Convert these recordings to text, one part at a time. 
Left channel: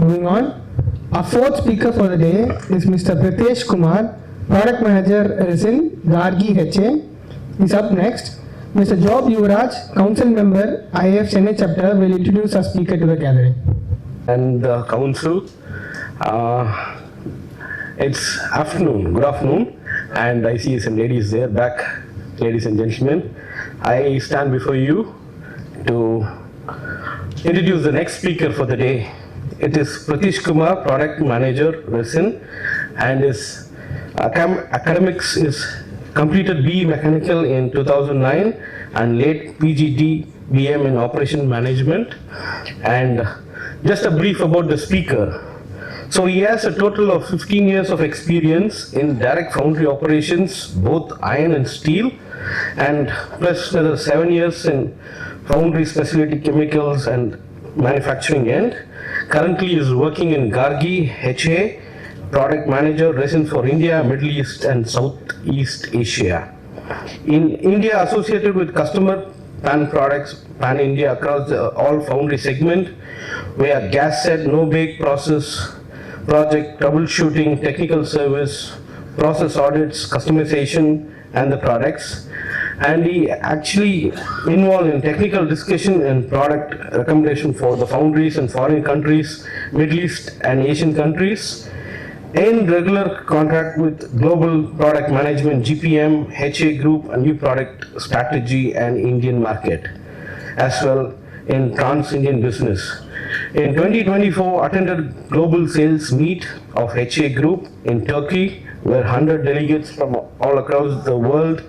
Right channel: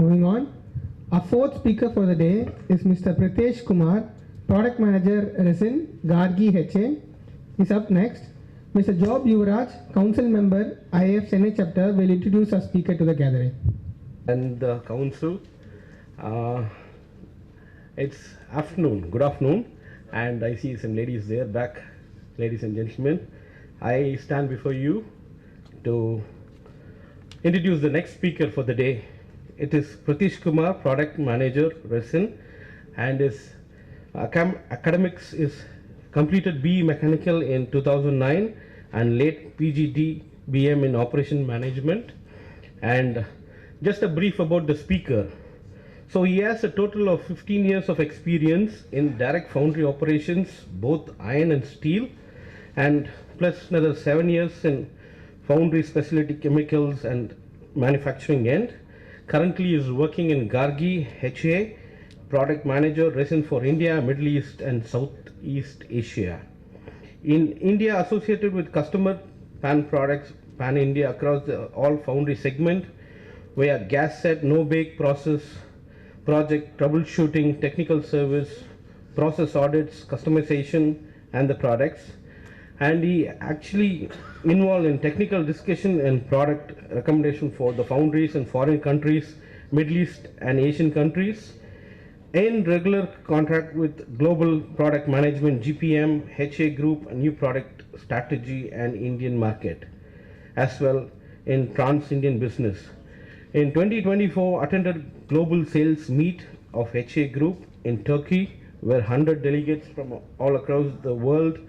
Moving on, our fourth speaker for the day is Mr. Pritesh Kumar, Product Manager, Resin, Gargi HA. Is up next. Mr. Job Yuvraj, Council Member, IF Chennai Chapter, will introduce our speaker to the gathering. And the Council, it's afternoon, good afternoon, and I see some ladies there back. Ladies and gentlemen, I stand before you to introduce the next speaker for the day. It is Pritesh Kumar, Product Manager, Resin, and his academics is completed BE Mechanical in 2009 and late PGD BM in Operation Management. And just a brief about the speaker. So he has a total of 15 years of experience in direct foundry operations, both iron and steel, and plus another 7 years in foundry specialty chemicals and manufacturing end. Currently he is working in Gargi HA, Product Manager, Resin for India, Middle East and Southeast Asia. In India, associated with customer pan products, pan India across all foundry segment, where gas set, no bake process, project troubleshooting, technical service, process audits, customization and the products. And he actually involved in technical discussion and product recommendation for the foundries in foreign countries, Middle East and Asian countries, in regular contact with global product management, GPM, HA group, a new product strategy and Indian market, as well in trans-Indian business. In 2024, attended global sales meet of HA group in Turkey, where 100 delegates from all across the world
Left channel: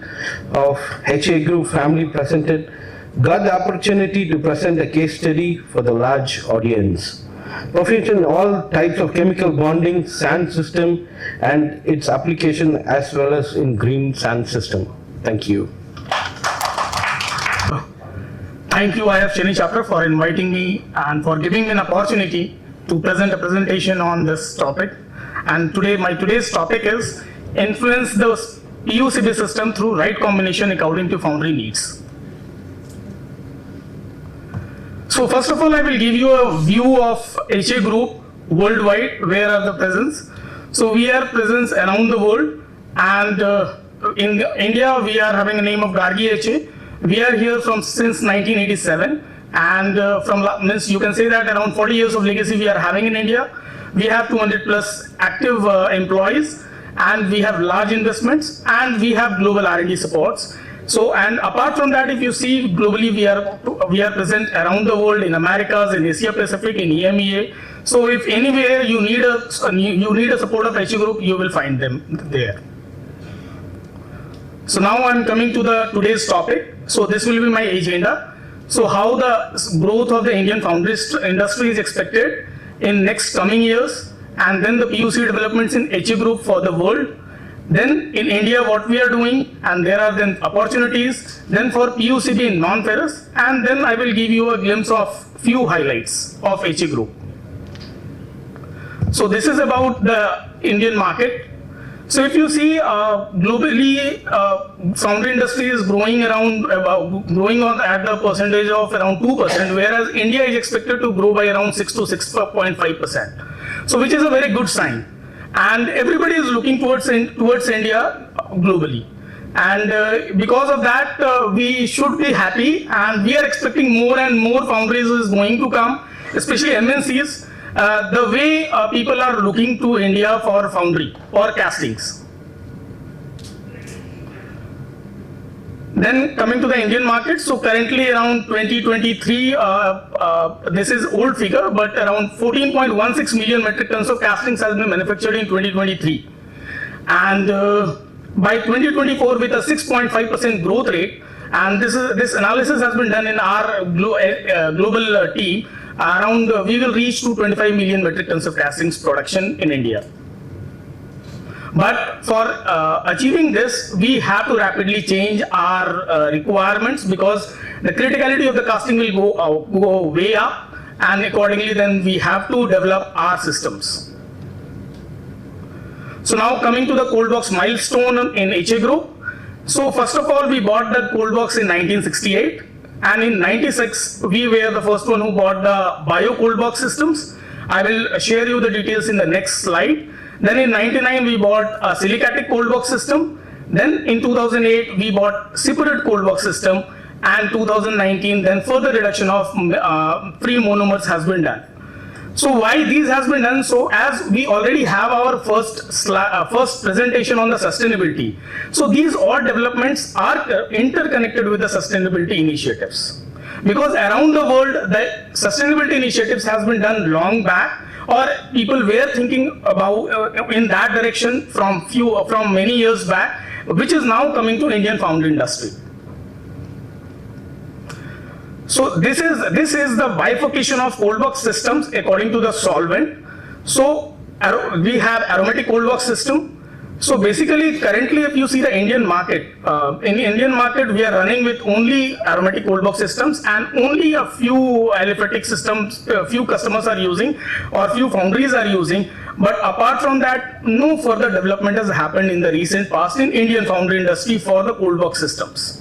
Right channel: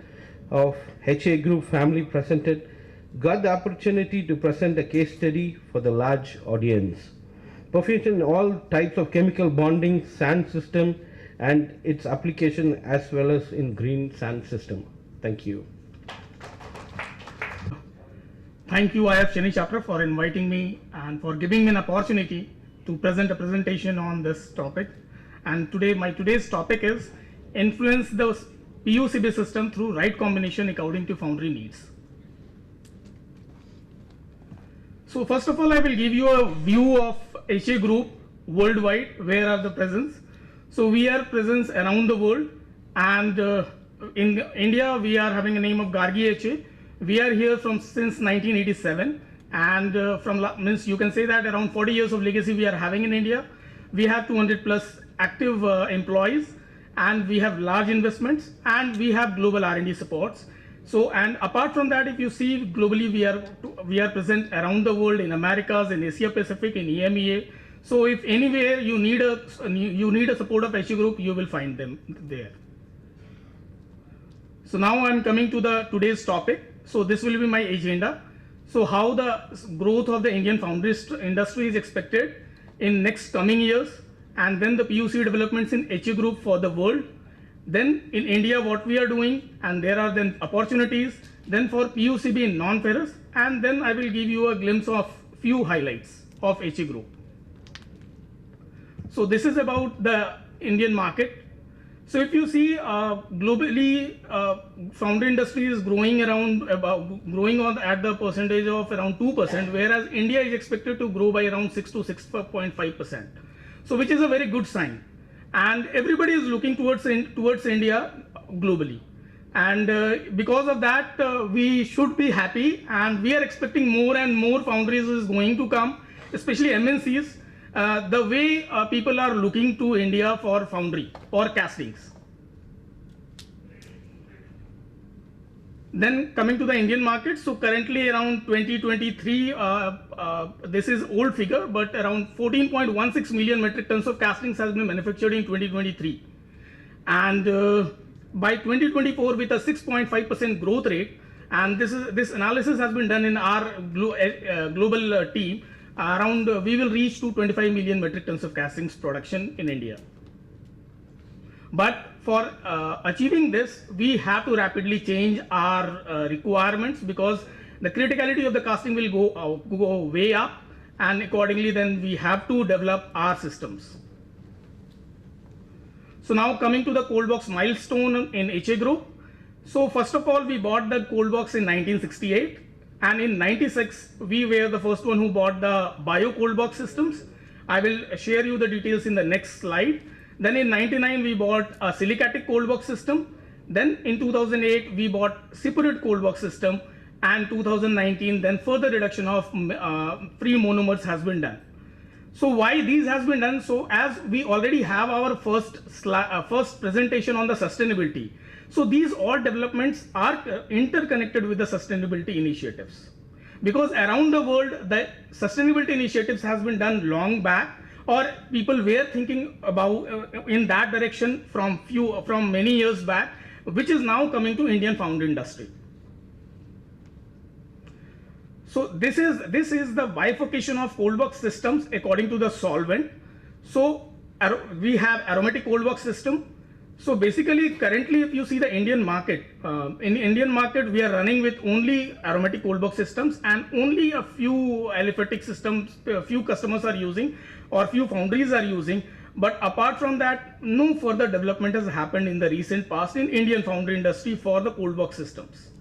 of HA Group family presented, got the opportunity to present a case study for the large audience. Proficient in all types of chemical bonding, sand system and its application, as well as in green sand system. Thank you. Thank you, IF Chennai Chapter, for inviting me and for giving me an opportunity to present a presentation on this topic. And today's topic is influence the PUCB system through right combination according to foundry needs. So first of all, I will give you a view of HA Group worldwide, where are the presence. So we are present around the world, and in India we are having a name of Gargi HA. We are here since 1987, and means you can say that around 40 years of legacy we are having in India. We have 200 plus active employees, and we have large investments, and we have global R&D supports. So, and apart from that, if you see globally, we are present around the world, in Americas, in Asia Pacific, in EMEA. So, if anywhere you need a support of HA Group, you will find them there. So now I am coming to today's topic. So this will be my agenda. So how the growth of the Indian foundry industry is expected in next coming years, and then the PUC developments in HA Group for the world. Then in India what we are doing, and there are then opportunities, then for PUCB in non-ferrous, and then I will give you a glimpse of few highlights of HA Group. So this is about the Indian market. So if you see globally, foundry industry is growing around at the percentage of around 2%, whereas India is expected to grow by around 6 to 6.5%. So which is a very good sign, and everybody is looking towards India globally, and because of that we should be happy, and we are expecting more and more foundries is going to come, especially MNCs. The way people are looking to India for foundry or castings. Then coming to the Indian market, so currently around 2023, this is old figure, but around 14.16 million metric tons of castings has been manufactured in 2023. And by 2024 with a 6.5% growth rate, and this analysis has been done in our global team, around we will reach to 25 million metric tons of castings production in India. But for achieving this, we have to rapidly change our requirements, because the criticality of the casting will go way up, and accordingly then we have to develop our systems. So now coming to the cold box milestone in HA Group. So first of all, we bought the cold box in 1968, and in 96 we were the first one who bought the bio cold box systems. I will share you the details in the next slide. Then in 99 we bought a silicatic cold box system. Then in 2008 we bought separate cold box system, and 2019 then further reduction of free monomers has been done. So why these has been done? So as we already have our first presentation on the sustainability, so these all developments are interconnected with the sustainability initiatives, because around the world the sustainability initiatives has been done long back, or people were thinking about in that direction from many years back, which is now coming to Indian foundry industry. So this is the bifurcation of cold box systems according to the solvent. So we have aromatic cold box system. So basically, currently, if you see the Indian market, in Indian market we are running with only aromatic cold box systems, and only a few aliphatic systems, few customers are using, or few foundries are using. But apart from that, no further development has happened in the recent past in Indian foundry industry for the cold box systems.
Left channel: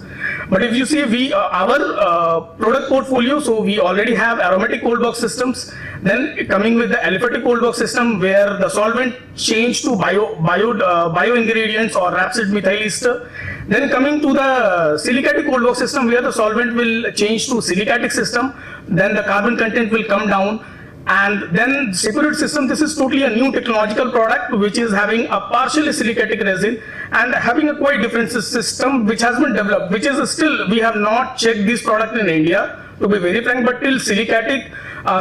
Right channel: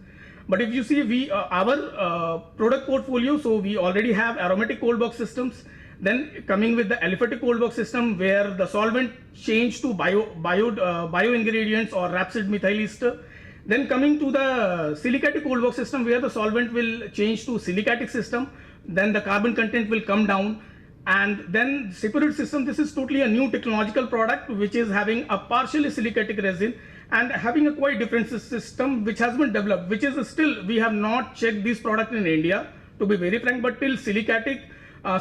But if you see our product portfolio, so we already have aromatic cold box systems, then coming with the aliphatic cold box system where the solvent changed to bio ingredients or rapeseed methyl ester. Then coming to the silicatic cold box system where the solvent will change to silicatic system, then the carbon content will come down. And then separate system, this is totally a new technological product which is having a partially silicatic resin and having a quite different system which has been developed, which is still, we have not checked this product in India to be very frank, but till silicatic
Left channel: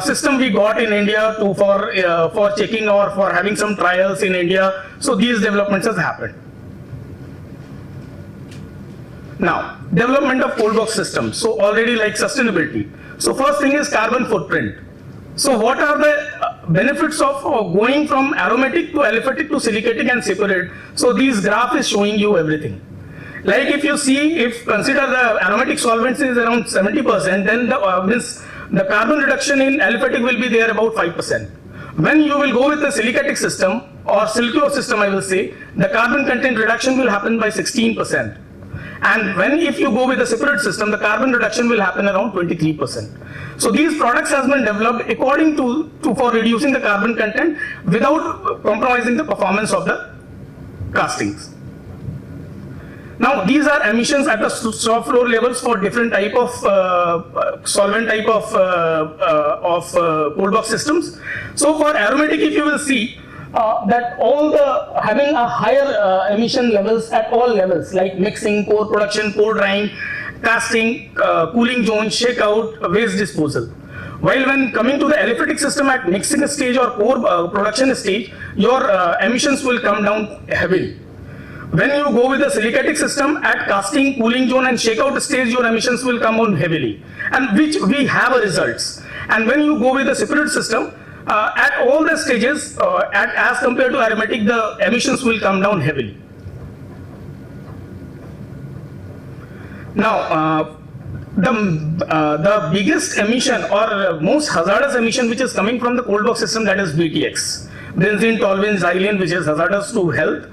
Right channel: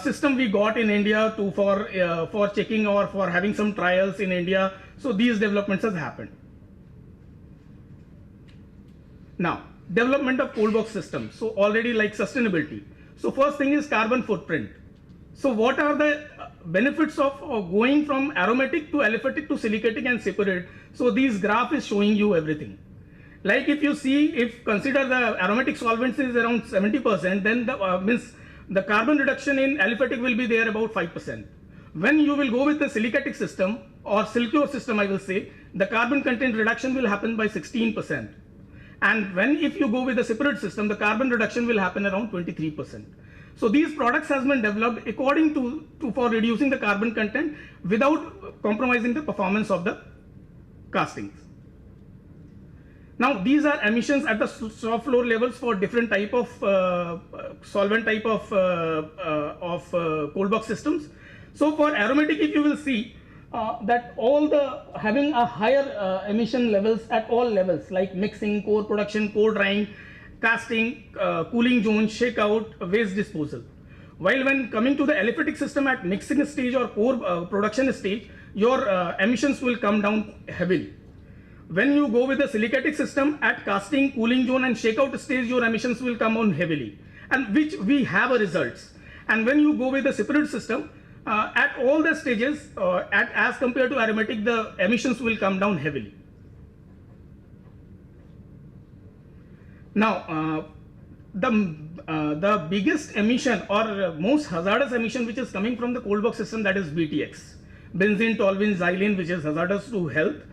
system we got in India for checking or for having some trials in India. So these developments has happened. Now, development of cold box systems. So already like sustainability. So first thing is carbon footprint. So what are the benefits of going from aromatic to aliphatic to silicatic and separate? So these graph is showing you everything. Like if you see, if consider the aromatic solvents is around 70%, then the carbon reduction in aliphatic will be there about 5%. When you will go with the silicatic system or silcure system, I will say, the carbon content reduction will happen by 16%. And if you go with the separate system, the carbon reduction will happen around 23%. So these products has been developed according to for reducing the carbon content without compromising the performance of the castings. Now these are emissions at the shop floor levels for different type of solvent type of cold box systems. So for aromatic, if you will see that all the having a higher emission levels at all levels, like mixing, core production, core drying, casting, cooling zone, shakeout, waste disposal. While when coming to the aliphatic system at mixing stage or core production stage, your emissions will come down heavily. When you go with the silicatic system at casting, cooling zone and shakeout stage, your emissions will come on heavily, and which we have results. And when you go with the separate system, at all the stages, as compared to aromatic, the emissions will come down heavily. Now, the biggest emission or most hazardous emission which is coming from the cold box system, that is BTX, benzene, toluene, xylene, which is hazardous to health.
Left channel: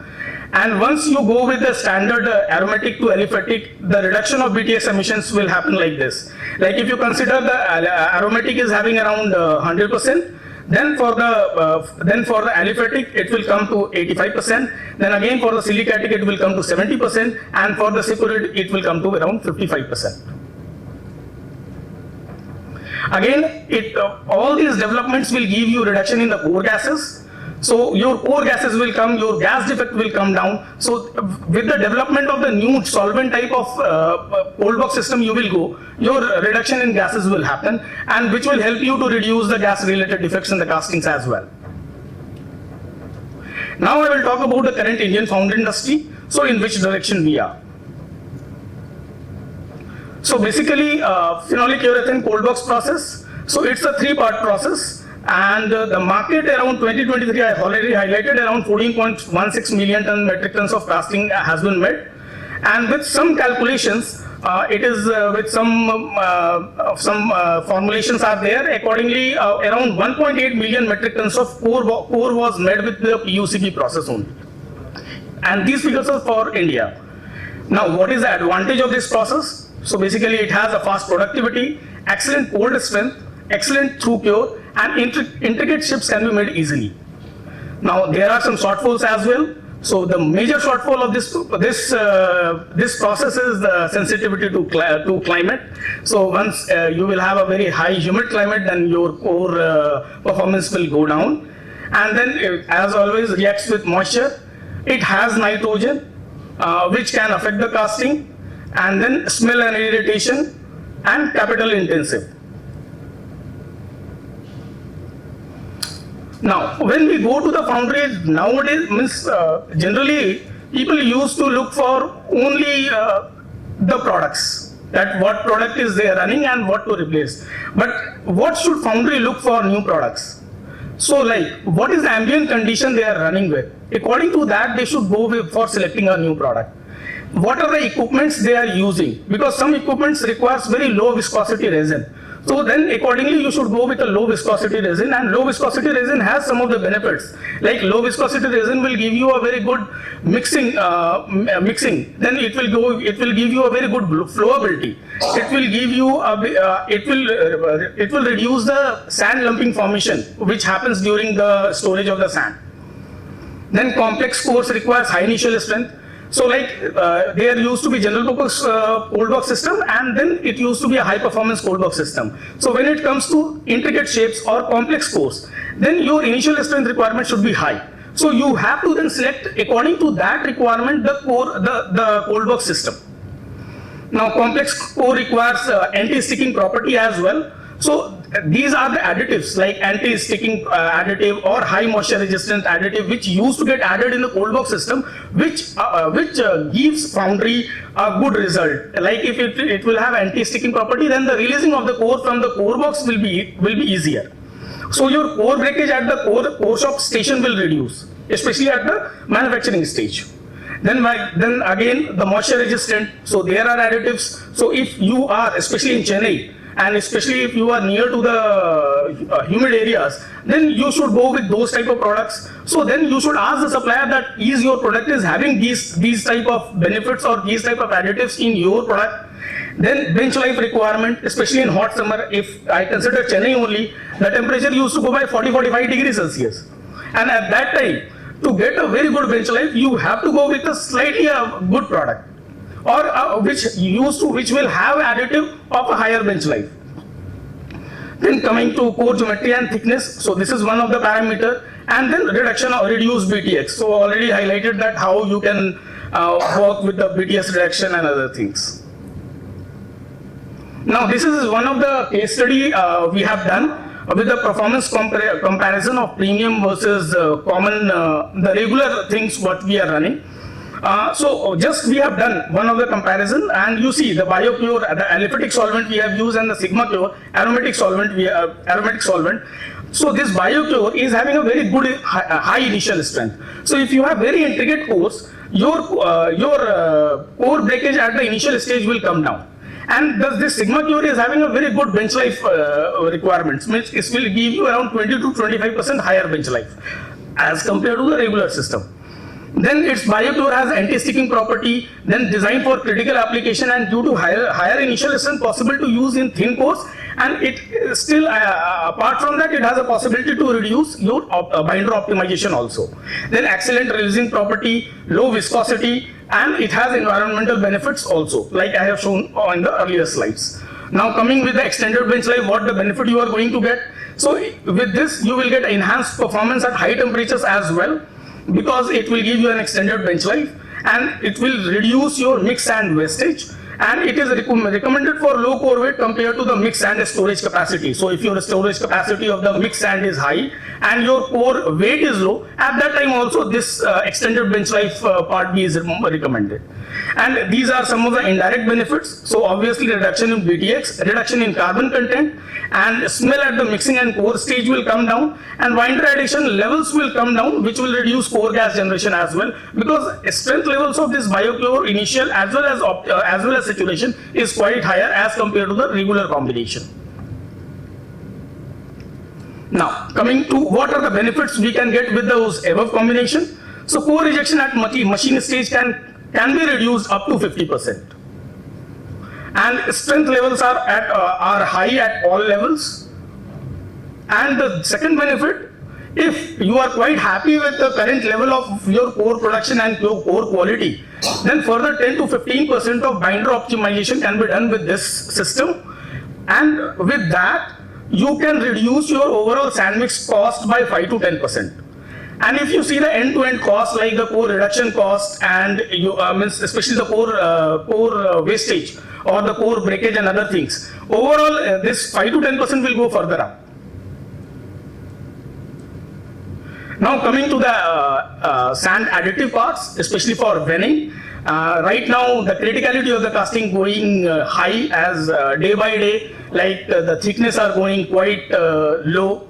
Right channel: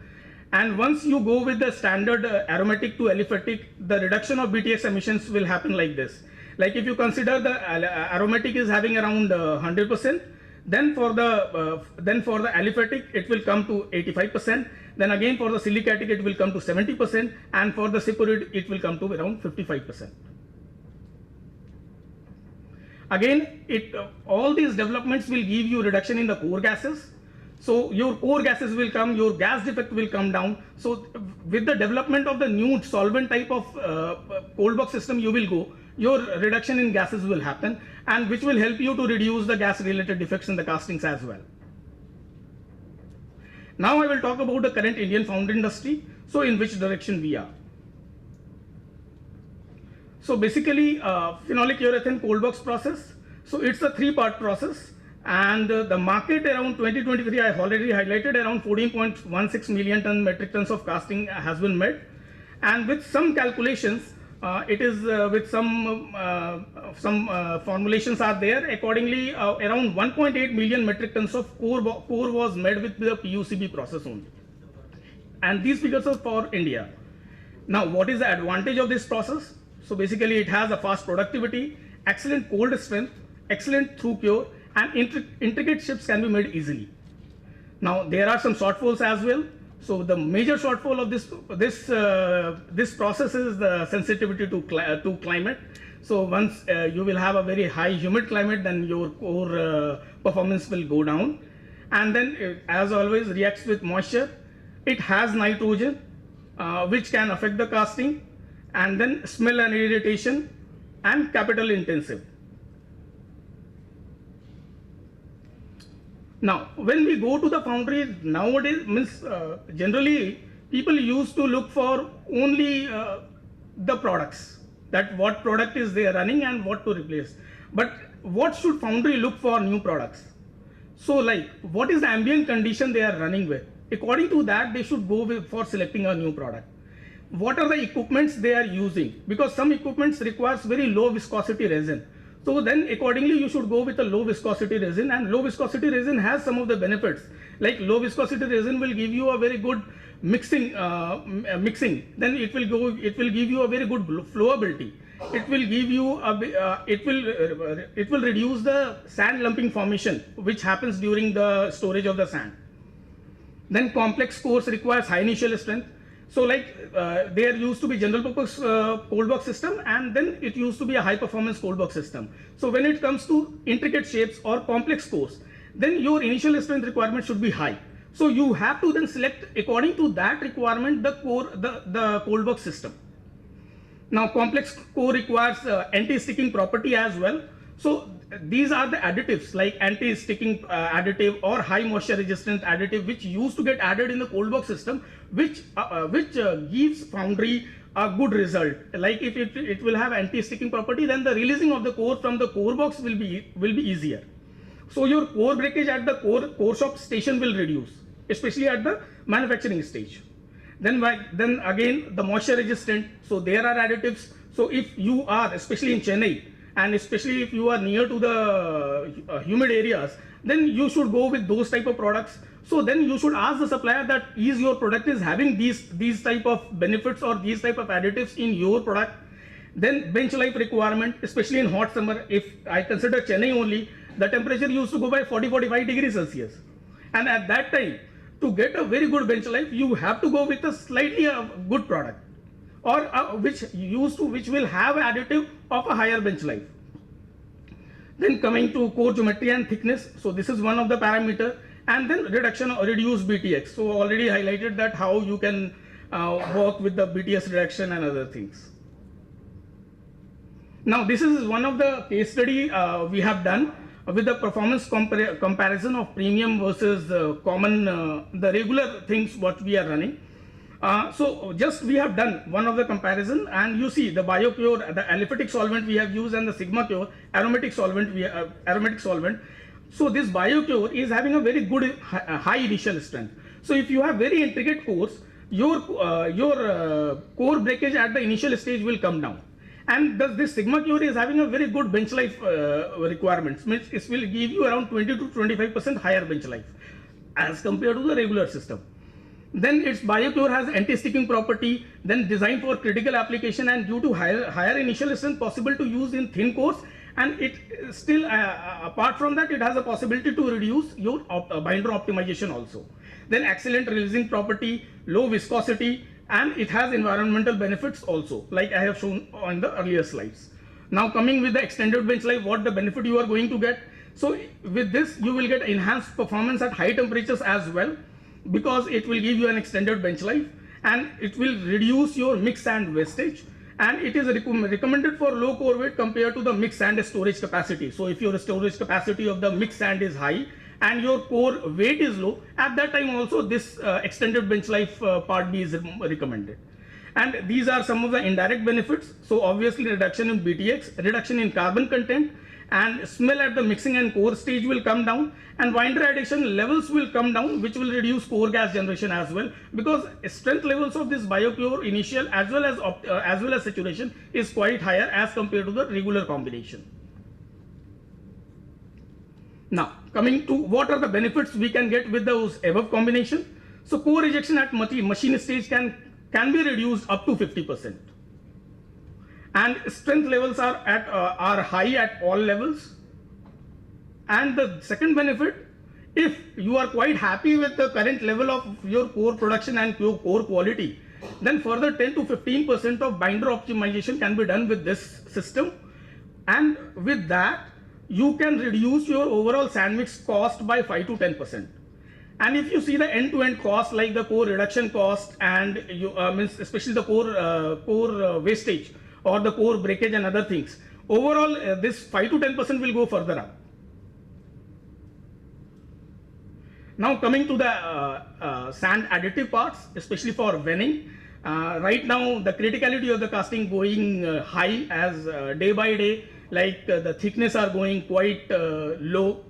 And once you go with the standard aromatic to aliphatic, the reduction of BTX emissions will happen like this. Like if you consider the aromatic is having around 100%, then for the aliphatic it will come to 85%. Then again for the silicatic it will come to 70%, and for the separate it will come to around 55%. Again, all these developments will give you reduction in the core gases. So your core gases will come, your gas defect will come down. So with the development of the new solvent type of cold box system you will go, your reduction in gases will happen, and which will help you to reduce the gas related defects in the castings as well. Now I will talk about the current Indian foundry industry. So in which direction we are. So basically phenolic urethane cold box process. So it's a 3-part process. And the market around 2023, I have already highlighted, around 14.16 million metric tons of casting has been made. And with some calculations, it is with some formulations are there. Accordingly, around 1.8 million metric tons of core was made with the PUCB process only. And these figures are for India. Now, what is the advantage of this process? So basically, it has a fast productivity, excellent cold strength, excellent through cure, and intricate shapes can be made easily. Now there are some shortfalls as well. So the major shortfall of this process is the sensitivity to climate. So once you will have a very high humid climate, then your core performance will go down. And then as always reacts with moisture. It has nitrogen, which can affect the casting, and then smell and irritation, and capital intensive. Now, when we go to the foundry nowadays, generally people used to look for only the products, that what product is they running and what to replace. But what should foundry look for new products? So like, what is the ambient condition they are running with? According to that, they should go for selecting a new product. What are the equipments they are using? Because some equipments requires very low viscosity resin. So then accordingly you should go with a low viscosity resin, and low viscosity resin has some of the benefits. Like low viscosity resin will give you a very good mixing. Then it will give you a very good flowability. It will give you it will reduce the sand lumping formation which happens during the storage of the sand. Then complex cores requires high initial strength. So like there used to be general purpose cold box system, and then it used to be a high performance cold box system. So when it comes to intricate shapes or complex cores, then your initial strength requirement should be high. So you have to then select according to that requirement the cold box system. Now complex core requires anti-sticking property as well. So these are the additives like anti-sticking additive or high moisture resistant additive which used to get added in the cold box system, which gives foundry a good result. Like if it will have anti-sticking property, then the releasing of the core from the core box will be easier. So your core breakage at the core shop station will reduce, especially at the manufacturing stage. Then again the moisture resistant. So there are additives. So if you are, especially in Chennai, and especially if you are near to the humid areas, then you should go with those type of products. So then you should ask the supplier that is your product is having these type of benefits or these type of additives in your product. Then bench life requirement, especially in hot summer, if I consider Chennai only, the temperature used to go by 40-45 degrees Celsius. And at that time, to get a very good bench life, you have to go with a slightly good product, or which will have additive of a higher bench life. Then coming to core geometry and thickness, so this is one of the parameter, and then reduction or reduced BTX. So already highlighted that how you can work with the BTS reduction and other things. Now this is one of the case study we have done with the performance comparison of premium versus common, the regular things what we are running. So just we have done one of the comparison, and you see the BioPure, the aliphatic solvent we have used, and the Sigma Pure aromatic solvent. So this BioPure is having a very good high initial strength. So if you have very intricate cores, your core breakage at the initial stage will come down. And this Sigma Pure is having a very good bench life requirements, which it will give you around 20 to 25% higher bench life as compared to the regular system. Then its BioPure has anti-sticking property, then designed for critical application, and due to higher initial strength possible to use in thin cores, and it still apart from that it has a possibility to reduce your binder optimization also. Then excellent releasing property, low viscosity, and it has environmental benefits also, like I have shown on the earlier slides. Now coming with the extended bench life, what the benefit you are going to get. So with this you will get enhanced performance at high temperatures as well, because it will give you an extended bench life, and it will reduce your mix sand wastage, and it is recommended for low core weight compared to the mix sand storage capacity. So if your storage capacity of the mix sand is high and your core weight is low, at that time also this extended bench life part B is recommended. And these are some of the indirect benefits. So obviously reduction in BTX, reduction in carbon content, and smell at the mixing and core stage will come down, and binder addition levels will come down, which will reduce core gas generation as well, because strength levels of this BioPure initial as well as saturation is quite higher as compared to the regular combination. Now coming to what are the benefits we can get with those above combination. So core rejection at machine stage can be reduced up to 50%. And strength levels are high at all levels. And the second benefit, if you are quite happy with the current level of your core production and your core quality, then further 10 to 15% of binder optimization can be done with this system. And with that, you can reduce your overall sand mix cost by 5 to 10%. And if you see the end-to-end cost, like the core reduction cost and especially the core wastage or the core breakage and other things, overall this 5 to 10% will go further up. Now coming to the sand additive parts, especially for venning, right now the criticality of the casting going high as day by day, like the thickness are going quite low,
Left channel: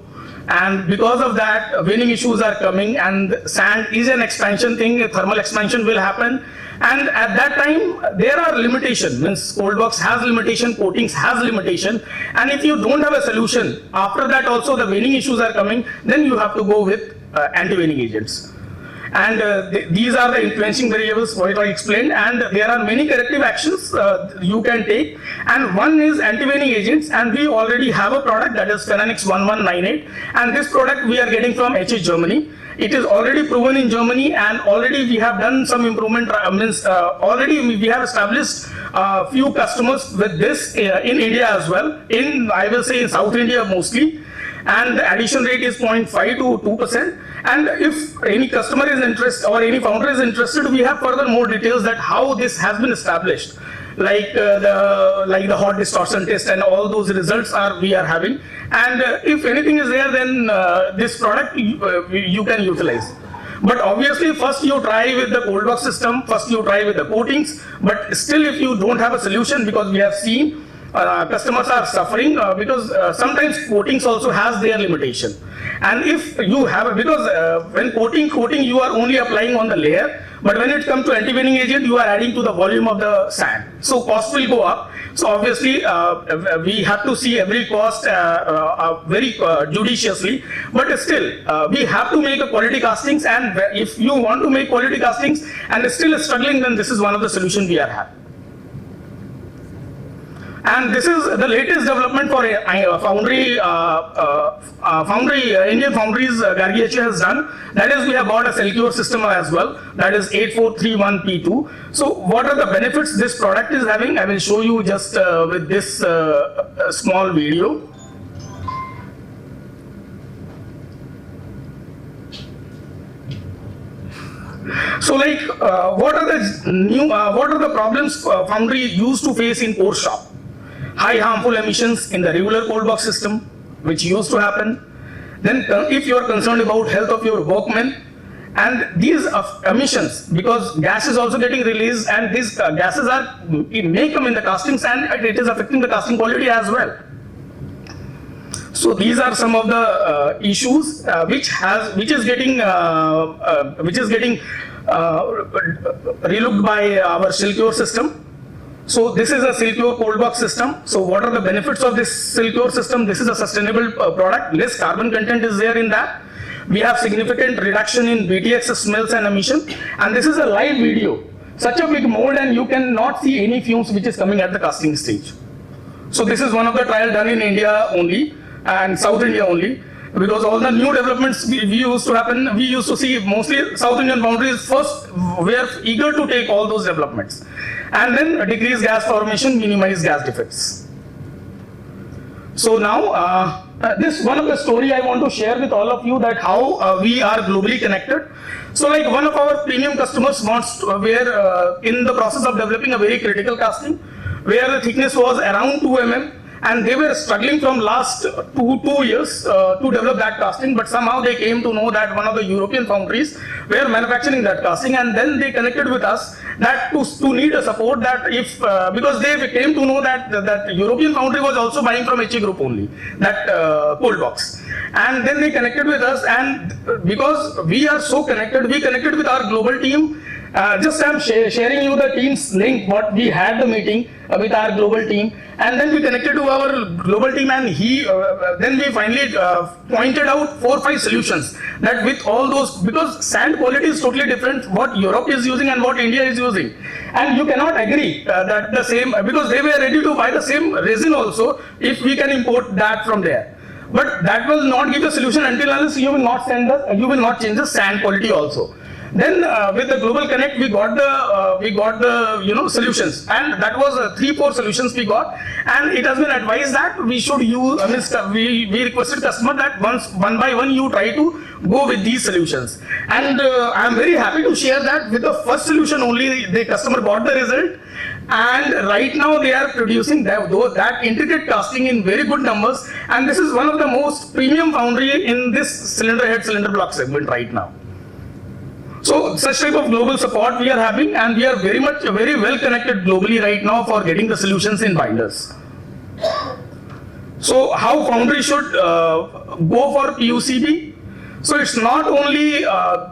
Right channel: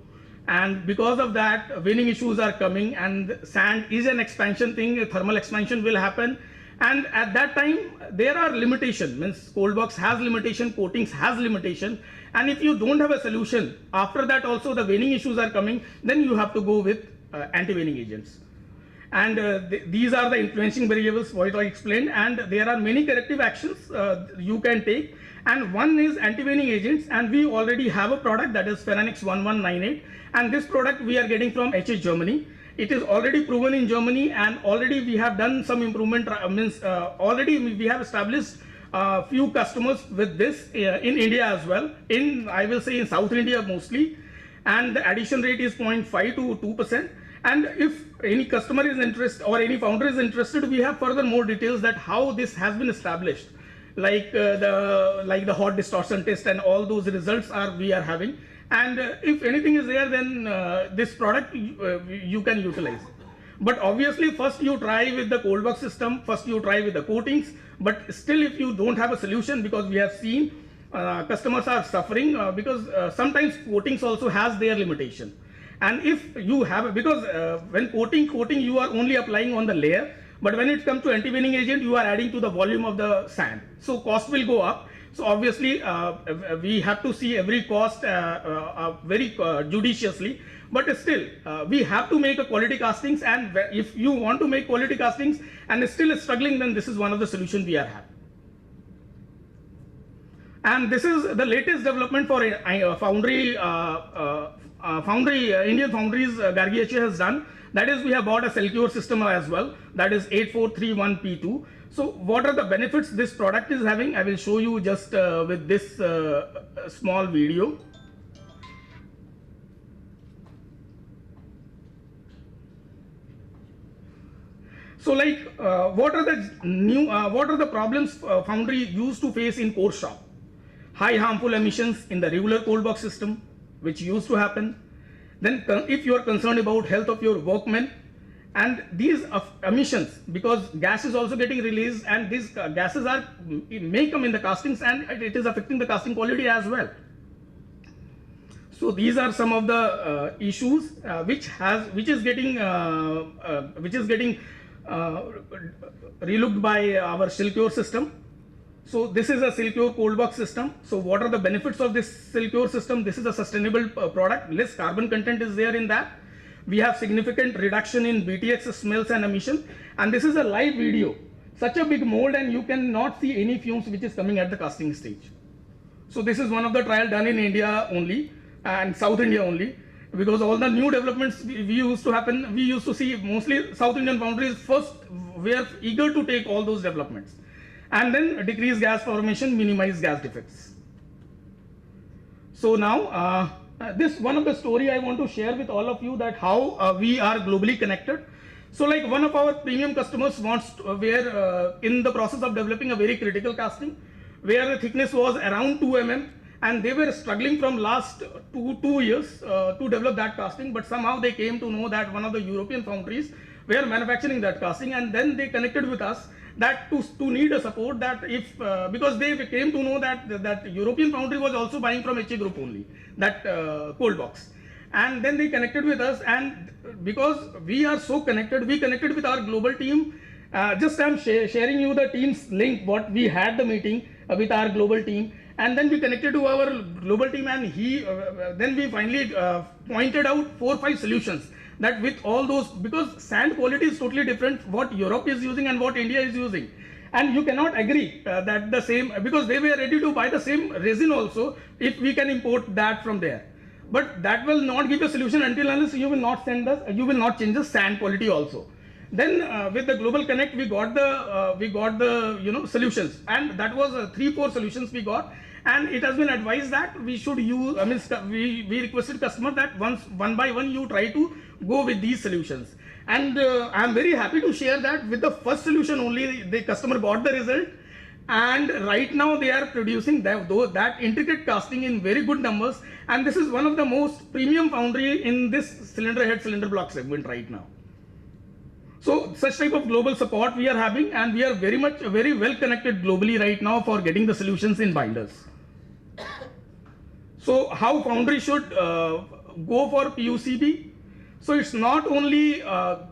and because of that venning issues are coming, and sand is an expansion thing, thermal expansion will happen, and at that time there are limitations, means cold box has limitation, coatings has limitation, and if you don't have a solution, after that also the venning issues are coming, then you have to go with anti-venning agents. And these are the influencing variables what I explained, and there are many corrective actions you can take, and one is anti-venning agents, and we already have a product that is Phenanix 1198, and this product we are getting from HH Germany. It is already proven in Germany, and already we have done some improvement, already we have established few customers with this in India as well, I will say in South India mostly, and the addition rate is 0.5 to 2%. And if any customer is interested or any founder is interested, we have further more details that how this has been established, like the hot distortion test and all those results we are having. And if anything is there, then this product you can utilize. But obviously, first you try with the cold box system, first you try with the coatings. But still, if you don't have a solution, because we have seen customers are suffering because sometimes coatings also has their limitation. And if you have, because when coating you are only applying on the layer, but when it comes to anti-venning agent, you are adding to the volume of the sand. So cost will go up. So obviously, we have to see every cost very judiciously. But still, we have to make a quality castings. And if you want to make quality castings and still struggling, then this is one of the solutions we are having. And this is the latest development for Indian Foundries Gargi has done. That is, we have bought a Celcure system as well. That is 8431P2. So what are the benefits this product is having? I will show you just with this small video. So like, what are the problems Foundry used to face in core shop? High harmful emissions in the regular cold box system, which used to happen. Then if you are concerned about health of your workmen, and these emissions, because gas is also getting released, and these gases may come in the castings, and it is affecting the casting quality as well. So these are some of the issues which is getting relooked by our Celcure system. So this is a Celcure cold box system. So what are the benefits of this Celcure system? This is a sustainable product. Less carbon content is there in that. We have significant reduction in BTX smells and emission. And this is a live video. Such a big mold, and you cannot see any fumes which is coming at the casting stage. So this is one of the trials done in India only and South India only. Because all the new developments we used to see mostly South Indian Foundries first were eager to take all those developments. And then decrease gas formation, minimize gas defects. So now, this one of the story I want to share with all of you, that how we are globally connected. So like one of our premium customers were in the process of developing a very critical casting, where the thickness was around 2 mm, and they were struggling from last two years to develop that casting, but somehow they came to know that one of the European foundries were manufacturing that casting, and then they connected with us that to need a support, that if because they came to know that European foundry was also buying from HE Group only, that cold box. And then they connected with us, and because we are so connected, we connected with our global team. Just I'm sharing you the team's link, what we had the meeting with our global team, and then we connected to our global team, and then we finally pointed out 4 or 5 solutions that with all those, because sand quality is totally different what Europe is using and what India is using, and you cannot agree that the same, because they were ready to buy the same resin also if we can import that from there. but that will not give a solution until unless you will not change the sand quality also. Then with the Global Connect, we got the solutions, and that was 3-4 solutions we got, and it has been advised that we should use. We requested customer that one by one you try to go with these solutions, and I am very happy to share that with the first solution only the customer got the result, and right now they are producing that intricate casting in very good numbers, and this is one of the most premium foundry in this cylinder head cylinder block segment right now. So such type of global support we are having, and we are very well connected globally right now for getting the solutions in binders. So how Foundry should go for PUCB? So it's not only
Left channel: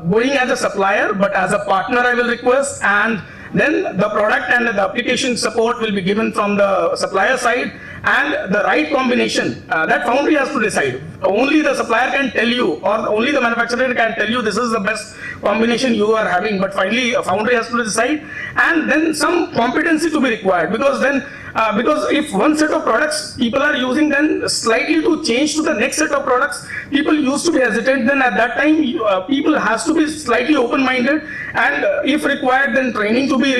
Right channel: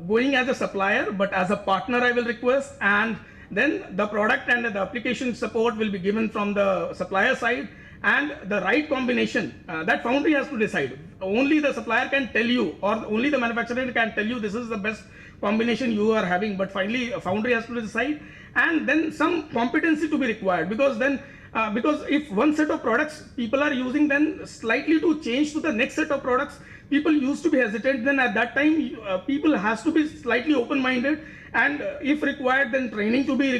going as a supplier, but as a partner I will request, and then the product and the application support will be given from the supplier side, and the right combination that Foundry has to decide. Only the supplier can tell you, or only the manufacturer can tell you this is the best combination you are having, but finally Foundry has to decide, and then some competency to be required, because then because if one set of products people are using, then slightly to change to the next set of products people used to be hesitant, then at that time people has to be slightly open-minded, and if required then training to be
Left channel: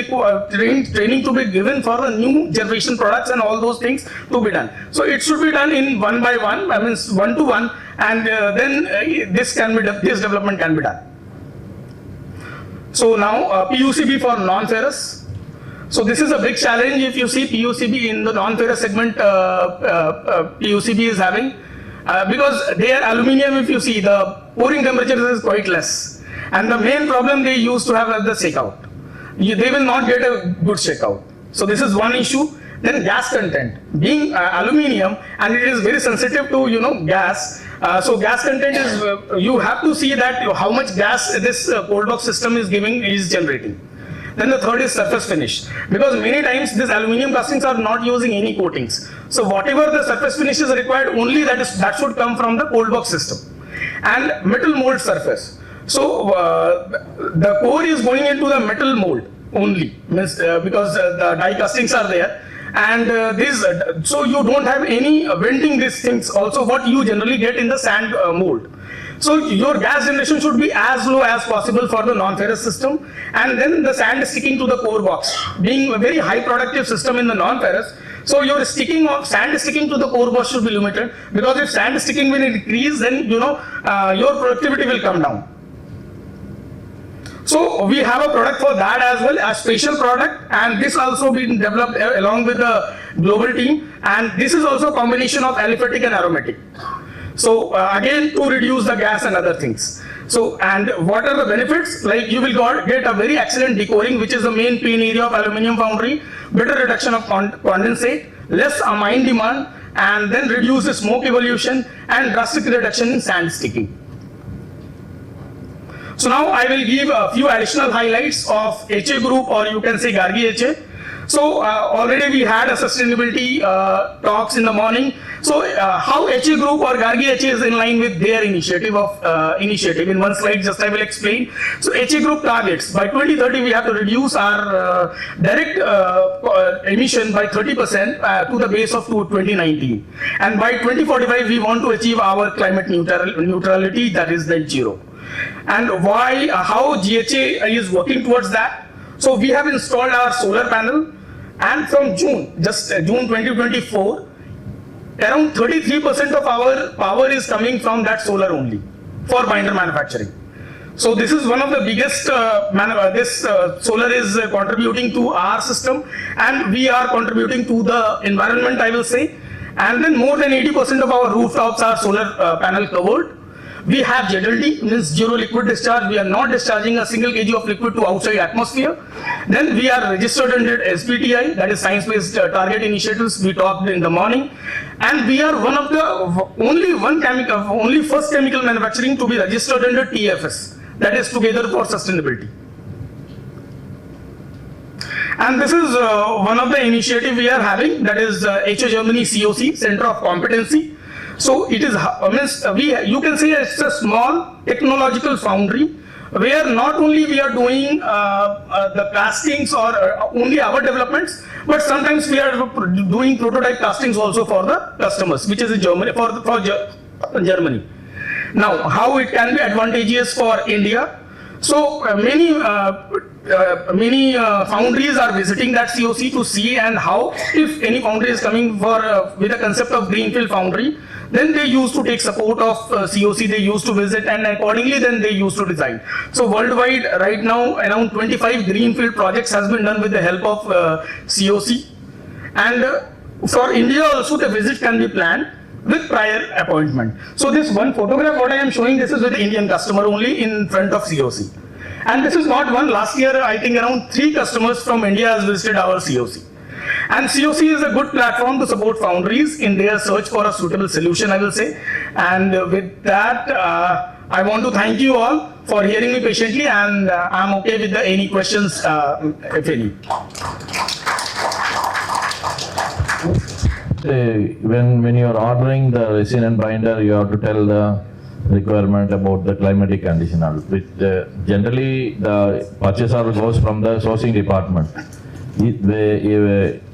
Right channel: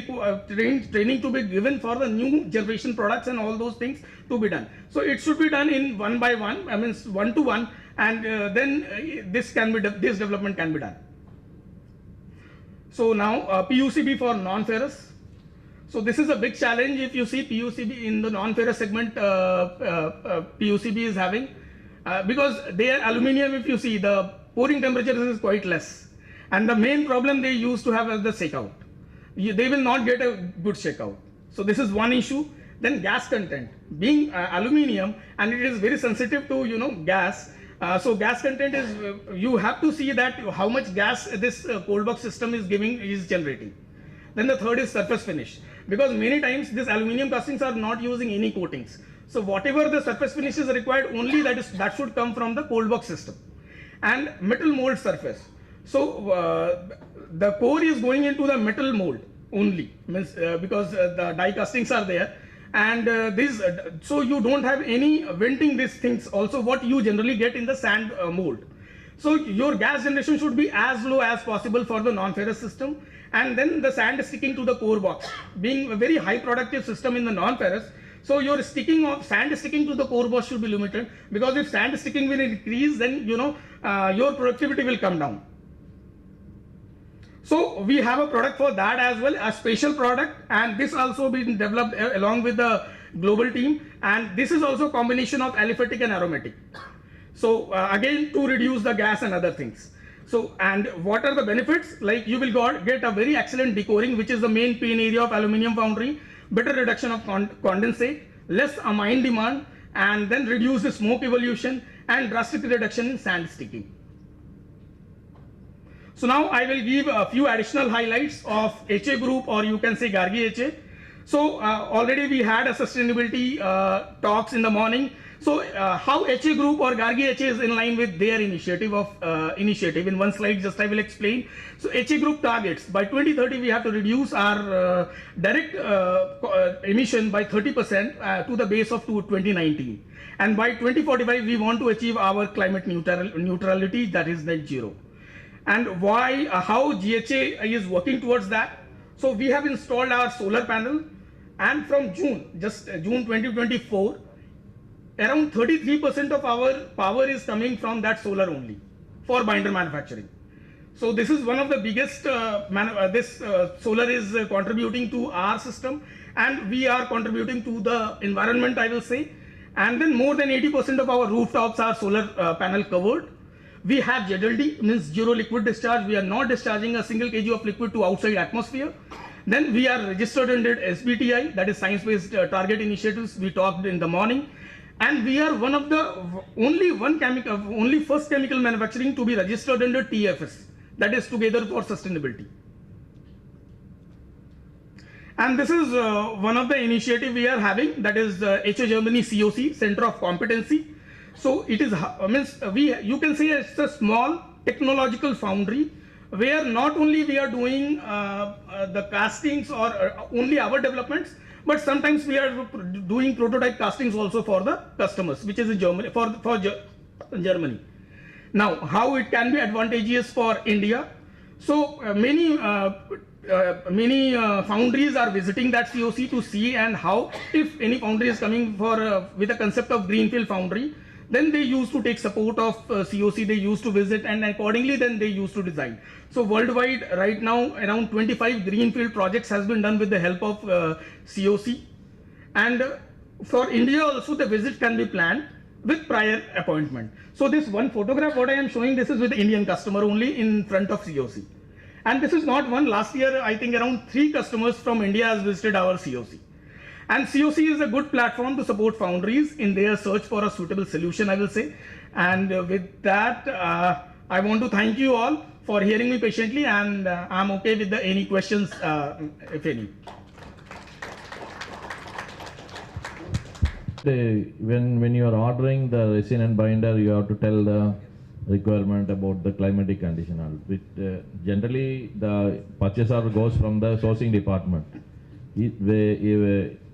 given for the new generation products and all those things to be done. So it should be done in one by one, I mean one to one, and then this development can be done. So now PUCB for non-ferrous. So this is a big challenge. If you see PUCB in the non-ferrous segment, PUCB is having, because their aluminium, if you see, the pouring temperature is quite less, and the main problem they used to have is the shakeout. They will not get a good shakeout. So this is one issue. Then gas content, being aluminium, and it is very sensitive to gas. So gas content is you have to see that how much gas this cold box system is generating. Then the third is surface finish, because many times these aluminium castings are not using any coatings. So whatever the surface finish is required, only that should come from the cold box system. And metal mold surface. So the core is going into the metal mold only, because the die castings are there. And so you don't have any venting these things also, what you generally get in the sand mold. So your gas generation should be as low as possible for the non-ferrous system, and then the sand is sticking to the core box, being a very high productive system in the non-ferrous. So your sand sticking to the core box should be limited, because if sand sticking will increase, then your productivity will come down. So we have a product for that as well, a special product, and this also been developed along with the global team, and this is also a combination of aliphatic and aromatic. So again, to reduce the gas and other things. So, and what are the benefits? Like you will get a very excellent decoring, which is the main pain area of aluminium foundry, better reduction of condensate, less amine demand, and then reduce the smoke evolution and drastic reduction in sand sticking. So now I will give a few additional highlights of HA group, or you can say Gargi HA. So already we had a sustainability talks in the morning. So how HA group or Gargi HA is in line with their initiative. In one slide just I will explain. So HA group targets, by 2030 we have to reduce our direct emission by 30% to the base of 2019. And by 2045 we want to achieve our climate neutrality, that is net zero. And how GHA is working towards that. So we have installed our solar panel, and from June 2024, around 33% of our power is coming from that solar only for binder manufacturing. So this is one of the biggest, solar is contributing to our system, and we are contributing to the environment, I will say. And then more than 80% of our rooftops are solar panel covered. We have ZLD, means zero liquid discharge. We are not discharging a single kg of liquid to outside atmosphere. Then we are registered under SBTi, that is Science-Based Target Initiatives. We talked in the morning, and we are one of the only first chemical manufacturing to be registered under TFS, that is Together for Sustainability. And this is one of the initiative we are having, that is HO Germany COC, Center of Competency. So it is, you can say it's a small technological foundry, where not only we are doing the castings or only our developments, but sometimes we are doing prototype castings also for the customers, which is in Germany, for Germany. Now, how it can be advantageous for India? So many foundries are visiting that COC to see and how, if any foundry is coming for with the concept of greenfield foundry, then they used to take support of COC, they used to visit, and accordingly then they used to design. So worldwide right now around 25 greenfield projects has been done with the help of COC, and for India also the visit can be planned with prior appointment. So this one photograph what I am showing, this is with the Indian customer only in front of COC. And this is not one. Last year I think around 3 customers from India has visited our COC. And COC is a good platform to support foundries in their search for a suitable solution, I will say. And with that, I want to thank you all for hearing me patiently, and I'm okay with any questions, if any. When you are ordering the resin and binder, you have to tell the requirement about the climatic condition. Generally, the purchase order goes from the sourcing department.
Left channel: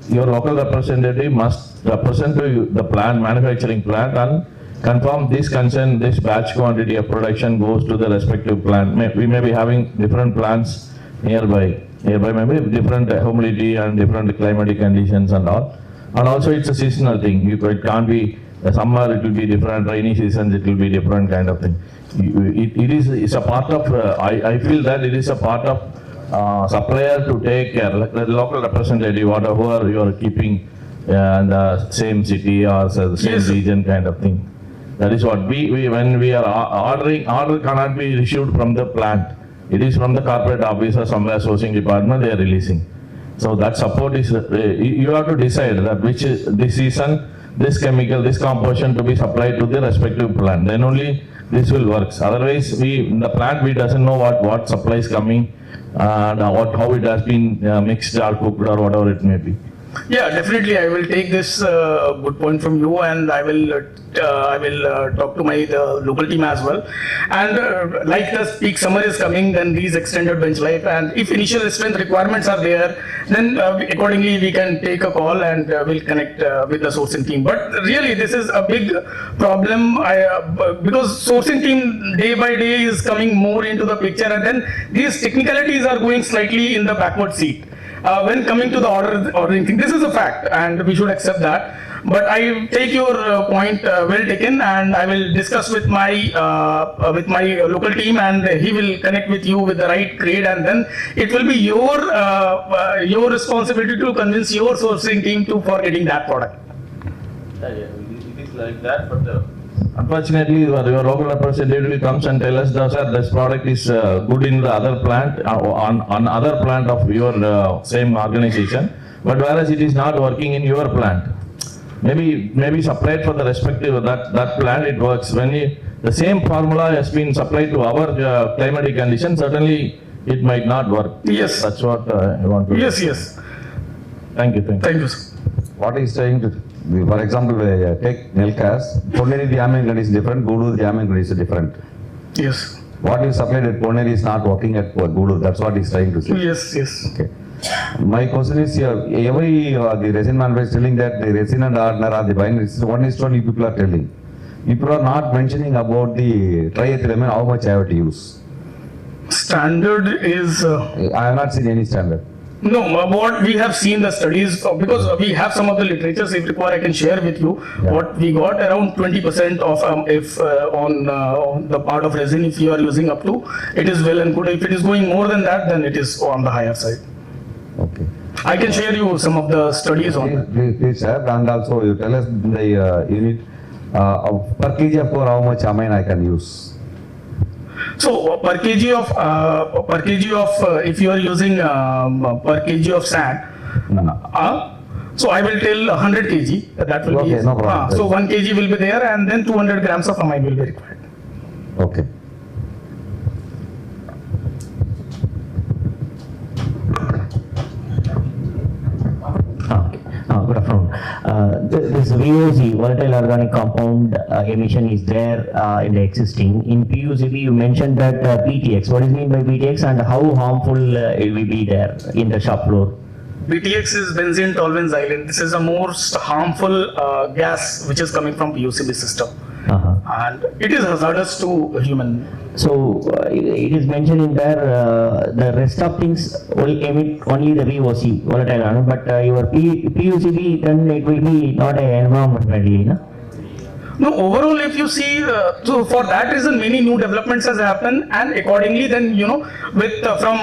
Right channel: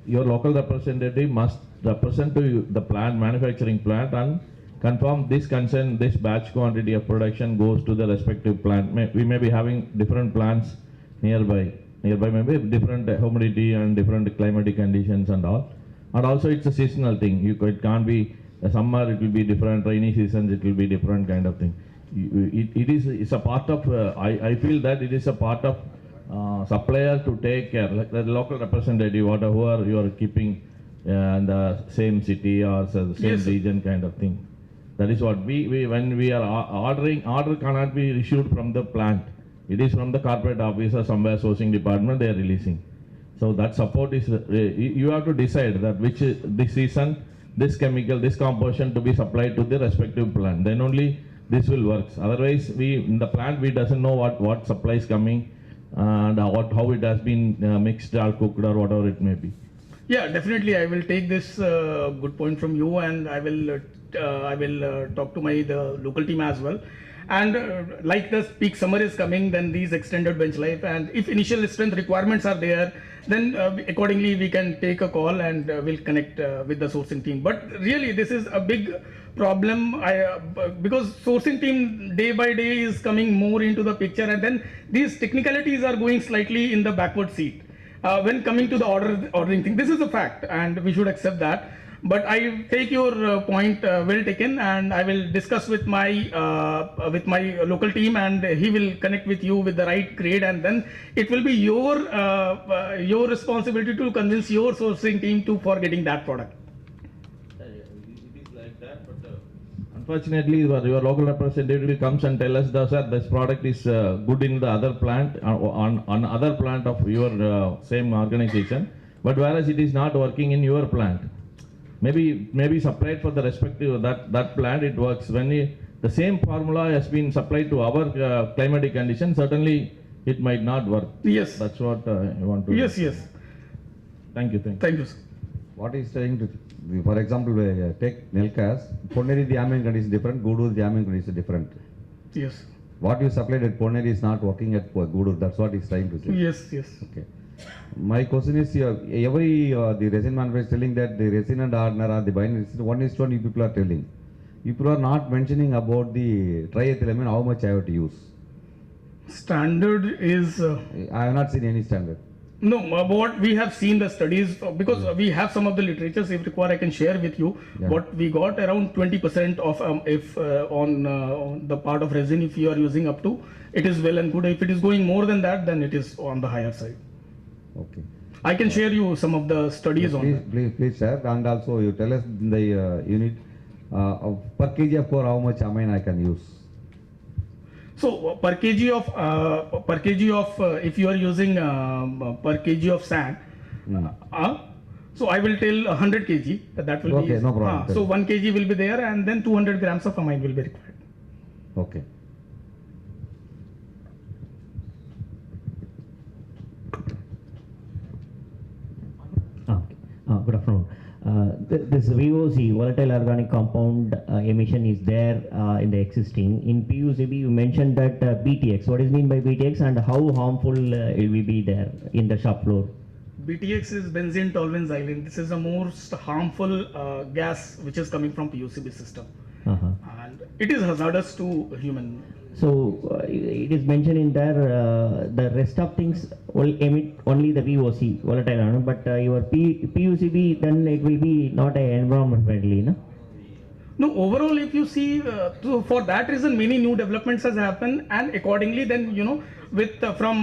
Your local representative must represent to the plant, manufacturing plant, and confirm this concern, this batch quantity of production goes to the respective plant. We may be having different plants nearby maybe different humidity and different climatic conditions and all. And also it's a seasonal thing. It can't be summer, it will be different, rainy seasons it will be different kind of thing. It's a part of, I feel that it is a part of supplier to take care, the local representative, whatever you are keeping in the same city or the same region kind of thing. That is what when we are ordering, order cannot be issued from the plant. It is from the corporate office or somewhere sourcing department they are releasing. So that support is, you have to decide that which is this season, this chemical, this composition to be supplied to the respective plant. Then only this will work. Otherwise, in the plant doesn't know what supply is coming and how it has been mixed or cooked or whatever it may be. Yeah, definitely. I will take this good point from you, and I will talk to my local team as well. And like the peak summer is coming, then these extended bench life, and if initial strength requirements are there, then accordingly we can take a call and we'll connect with the sourcing team. But really, this is a big problem because sourcing team day by day is coming more into the picture, and then these technicalities are going slightly in the backward seat. When coming to the ordering thing, this is a fact and we should accept that. But I take your point well taken, and I will discuss with my local team, and he will connect with you with the right grade, and then it will be your responsibility to convince your sourcing team for getting that product. It is like that, but unfortunately, your local representative comes and tell us that this product is good in the other plant, on other plant of your same organization, but whereas it is not working in your plant. Maybe supplied for the respective that plant it works. When the same formula has been supplied to our climatic conditions, certainly it might not work. Yes. That's what I want to. Yes. Thank you. Thank you, sir. What is trying to, for example, take Nelkas, Poneri diamond is different, Gudu diamond is different. Yes. What you supplied at Poneri is not working at Gudu, that's what he's trying to say. Yes. Okay. My question is here, the resin manufacturer is telling that the resin and hardener are the binders, one is what you people are telling. People are not mentioning about the triethylamine, how much I have to use. Standard is... I have not seen any standard. No, what we have seen the studies, because we have some of the literature, if required I can share with you. Yeah. What we got around 20% of if on the part of resin, if you are using up to, it is well and good. If it is going more than that, then it is on the higher side. Okay. I can share you some of the studies on that. Please sir, and also you tell us the unit per kg of core how much amine I can use. So per kg of if you are using per kg of sand, so I will tell 100 kg. That will Okay, be no problem. so 1 kg will be there, and then 200 grams of amine will be required. Okay. Good afternoon. This VOC, volatile organic compound emission is there in the existing. In PUCB, you mentioned that PTX. What is mean by PTX, and how harmful it will be there in the shop floor? PTX is benzene toluene xylene. This is the most harmful gas which is coming from PUCB system. and it is hazardous to human. So it is mentioned in there, the rest of things will emit only the VOC, volatile organic, but your PUCB, then it will be not an environment friendly, no? No, overall, if you see, so for that reason, many new developments has happened, and accordingly, then with from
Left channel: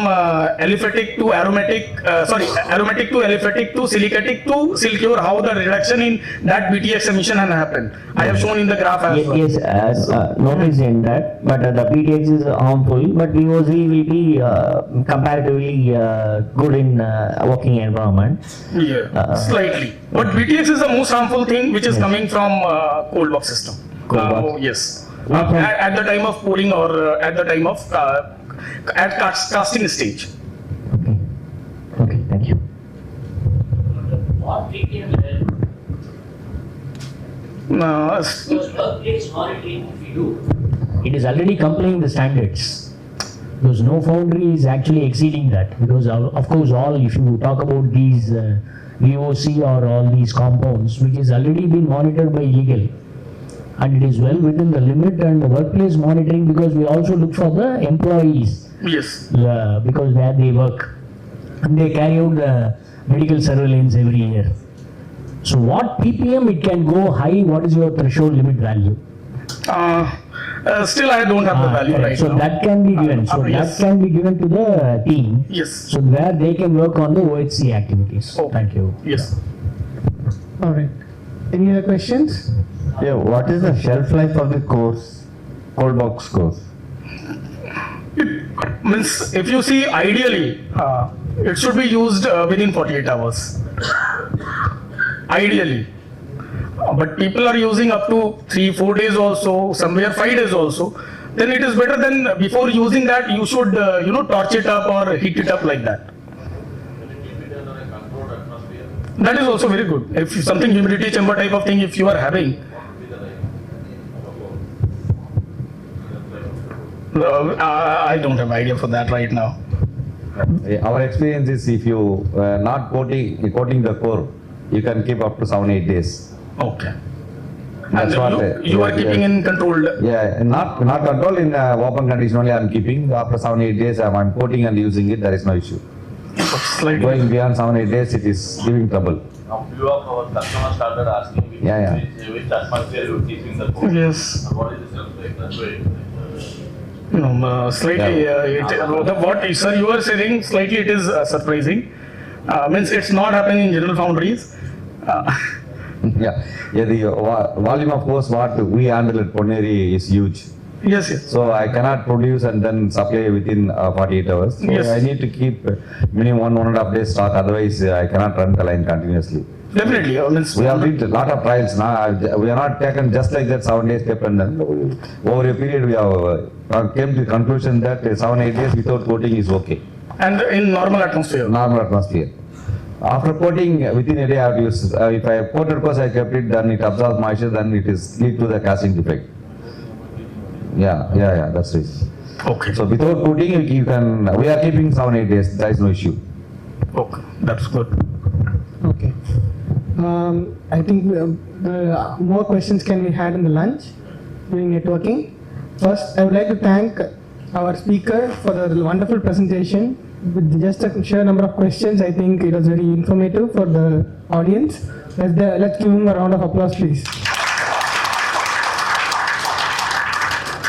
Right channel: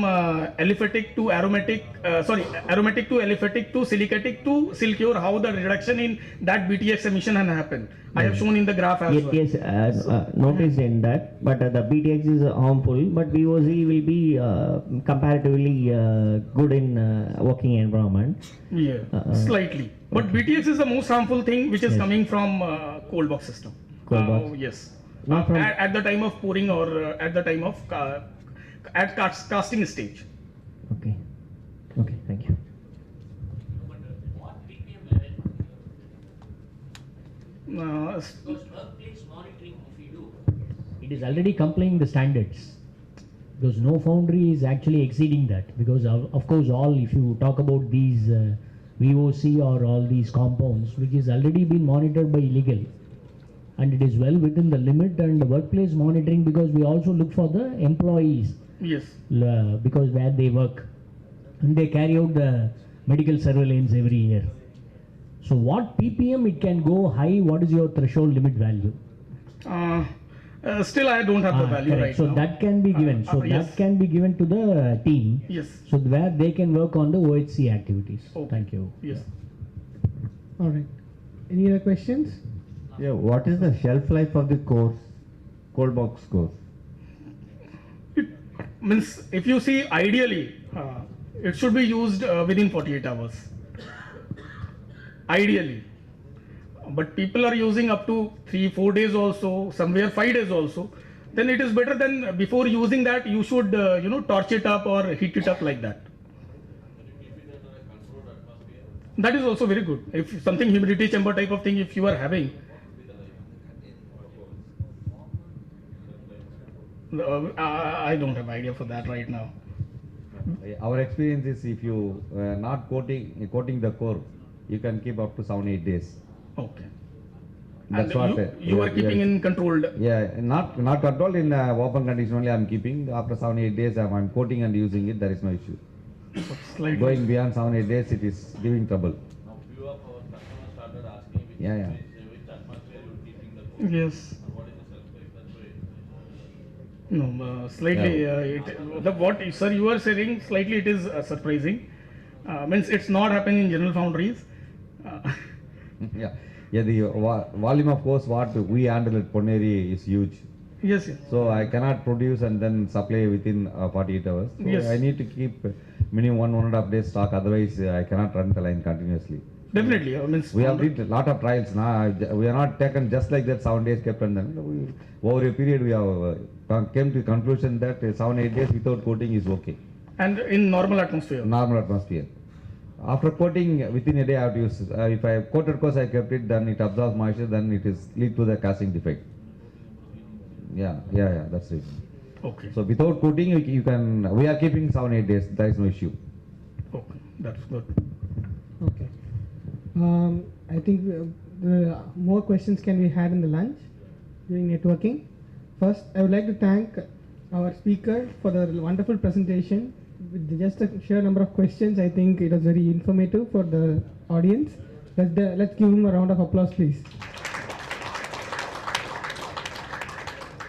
aliphatic to aromatic, aromatic to aliphatic to silicatic to silcure, how the reduction in that BTX emission has happened. I have shown in the graph as well. Yes, as noticed in that, but the PTX is harmful, but VOC will be comparatively good in working environment. Yeah, slightly. But BTX is the most harmful thing which is coming from cold box system. Cold box. Yes. At the time of pouring or at the time of at casting stage. Okay. Okay, thank you. What PPM level? Because workplace monitoring we do. It is already complying the standards. Because no foundry is actually exceeding that. Because of course, if you talk about these VOC or all these compounds, which is already been monitored by legal, and it is well within the limit, and the workplace monitoring, because we also look for the employees. Yes. Because where they work, and they carry out the medical surveillance every year. So what PPM it can go high? What is your threshold limit value? Still, I don't have the value Correct. right So now. that can be given. So yes. that can be given to the team. Yes. So where they can work on the OHC activities. Okay. Thank you. Yes. All right. Any other questions? Yeah, what is the shelf life of the course, cold box course? Means if you see ideally, it should be used within 48 hours. Ideally. But people are using up to 3-4 days also, somewhere 5 days also. Then it is better than before using that you should torch it up or heat it up like that. That is also very good. If something humidity chamber type of thing if you are having. I don't have idea for that right now. Our experience is if you not coating the core, you can keep up to 7-8 days. Okay. That's And what you are keeping in controlled. Yeah, not control in open condition only. I'm keeping after 7-8 days. I'm coating and using it. There is no issue. Slightly. Going beyond 7-8 days, it is giving trouble. Now, few of our customers started asking me which atmosphere you are keeping the code. Yes. What is the shelf life? That's why. No, slightly. What sir you are saying, slightly it is surprising. Means it's not happening in general foundries. Yeah, the volume of course what we handle at Poneri is huge. Yes, yes. So I cannot produce and then supply within 48 hours. So Yes. I need to keep minimum 1.5 days stock. Otherwise, I cannot run the line continuously. Definitely. Means We have did a lot of trials now. We are not taken just like that 7 days kept and then over a period we have came to the conclusion that 7-8 days without coating is okay. and in normal atmosphere. Normal atmosphere. After coating within a day I have used. If I have coated course I kept it, then it absorbs moisture, then it is lead to the casting defect. Yeah, that's it. Okay. So without coating you can, we are keeping 7-8 days, there is no issue. Okay. That's good. Okay. I think more questions can be had in the lunch during networking. First, I would like to thank our speaker for the wonderful presentation. With just a sheer number of questions, I think it was very informative for the audience. Let's give him a round of applause, please.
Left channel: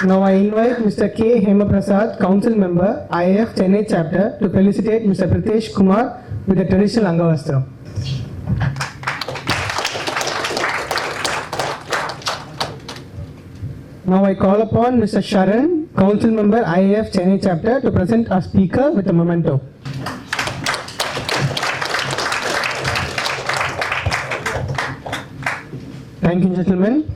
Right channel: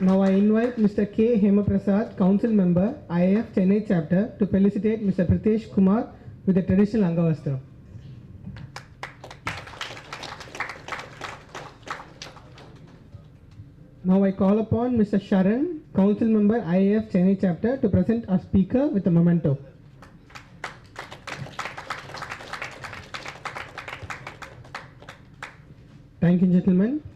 Now I invite Mr. K. Hemaprasad, Council Member, IF Chennai Chapter, to felicitate Mr. Pritesh Kumar with a traditional Angavastra. Now I call upon Mr. Sharan, Council Member, IF Chennai Chapter, to present our speaker with a memento. Thank you, gentlemen.